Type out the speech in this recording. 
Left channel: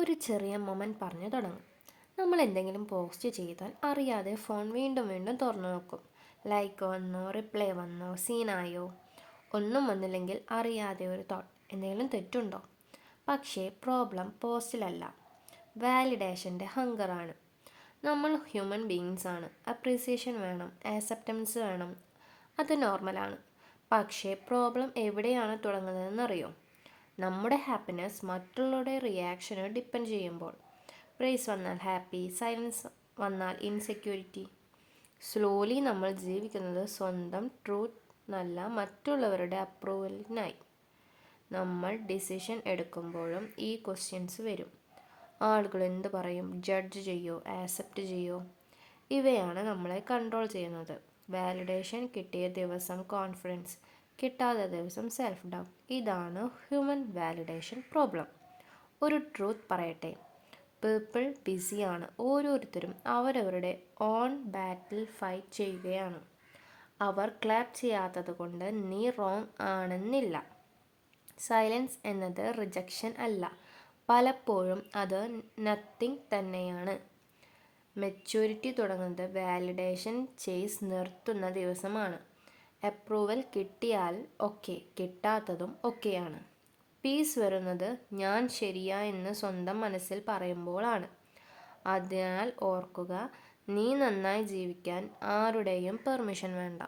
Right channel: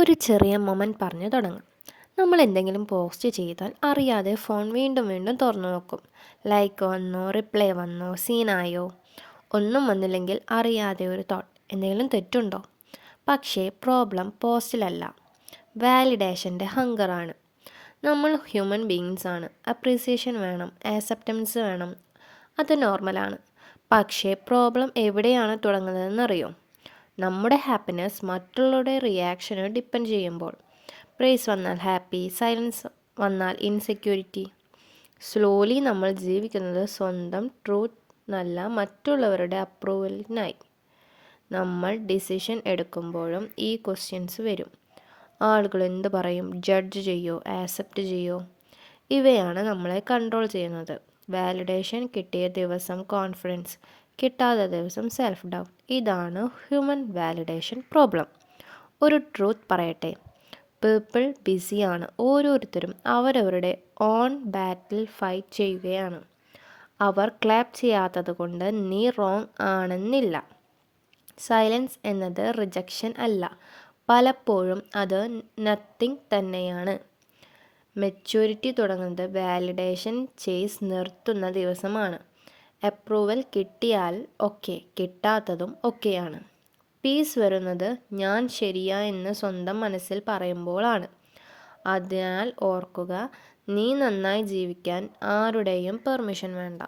ഒരു ചെറിയ മൊമെൻറ്റ് പറഞ്ഞു തുടങ്ങാം. നമ്മൾ എന്തെങ്കിലും പോസ്റ്റ് ചെയ്താൽ അറിയാതെ ഫോൺ വീണ്ടും വീണ്ടും തുറന്നു നോക്കും. ലൈക്ക് വന്നോ, റിപ്ലൈ വന്നോ, സീനായോ? ഒന്നും വന്നില്ലെങ്കിൽ അറിയാതെ ഒരു തോട്ട്, എന്തെങ്കിലും തെറ്റുണ്ടോ? പക്ഷേ പ്രോബ്ലം പോസ്റ്റിലല്ല, വാലിഡേഷൻ്റെ ഹങ്കറാണ്. നമ്മൾ ഹ്യൂമൻ ബീയിങ്സ് ആണ്. അപ്രീസിയേഷൻ വേണം, ആക്സെപ്റ്റൻസ് വേണം, അത് നോർമലാണ്. പക്ഷേ പ്രോബ്ലം എവിടെയാണ് തുടങ്ങുന്നതെന്നറിയോ? നമ്മുടെ ഹാപ്പിനെസ് മറ്റുള്ളവരുടെ റിയാക്ഷന് ഡിപ്പെൻഡ് ചെയ്യുമ്പോൾ. പ്രൈസ് വന്നാൽ ഹാപ്പി, സൈലൻസ് വന്നാൽ ഇൻസെക്യൂരിറ്റി. സ്ലോലി നമ്മൾ ജീവിക്കുന്നത് സ്വന്തം ട്രൂത്ത് നല്ല മറ്റുള്ളവരുടെ അപ്രൂവലിനായി. നമ്മൾ ഡിസിഷൻ എടുക്കുമ്പോഴും ഈ ക്വസ്റ്റ്യൻസ് വരും. ആളുകൾ എന്ത് പറയും? ജഡ്ജ് ചെയ്യോ? ആക്സെപ്റ്റ് ചെയ്യോ? ഇവയാണ് നമ്മളെ കൺട്രോൾ ചെയ്യുന്നത്. വാലിഡേഷൻ കിട്ടിയ ദിവസം കോൺഫിഡൻസ്, കിട്ടാത്ത ദിവസം സെൽഫ് ഡൗട്ട്. ഇതാണ് ഹ്യൂമൻ വാലിഡേഷൻ പ്രോബ്ലം. ഒരു ട്രൂത്ത് പറയട്ടെ, പീപ്പിൾ ബിസിയാണ്. ഓരോരുത്തരും അവരവരുടെ ഓൺ ബാറ്റിൽ ഫൈറ്റ് ചെയ്യുകയാണ്. അവർ ക്ലാപ്പ് ചെയ്യാത്തത് കൊണ്ട് നീ റോങ് ആണെന്നില്ല. സൈലൻസ് എന്നത് റിജക്ഷൻ അല്ല, പലപ്പോഴും അത് നത്തിങ് തന്നെയാണ്. മെച്യൂരിറ്റി തുടങ്ങുന്നത് വാലിഡേഷൻ ചേസ് നിർത്തുന്ന ദിവസമാണ്. അപ്രൂവൽ കിട്ടിയാൽ ഓക്കെ, കിട്ടാത്തതും ഓക്കെയാണ്. പീസ് വരുന്നത് ഞാൻ ശരിയാ എന്ന് സ്വന്തം മനസ്സിൽ പറയുമ്പോഴാണ്. അതിനാൽ ഓർക്കുക, നീ നന്നായി ജീവിക്കാൻ ആരുടെയും പെർമിഷൻ വേണ്ട.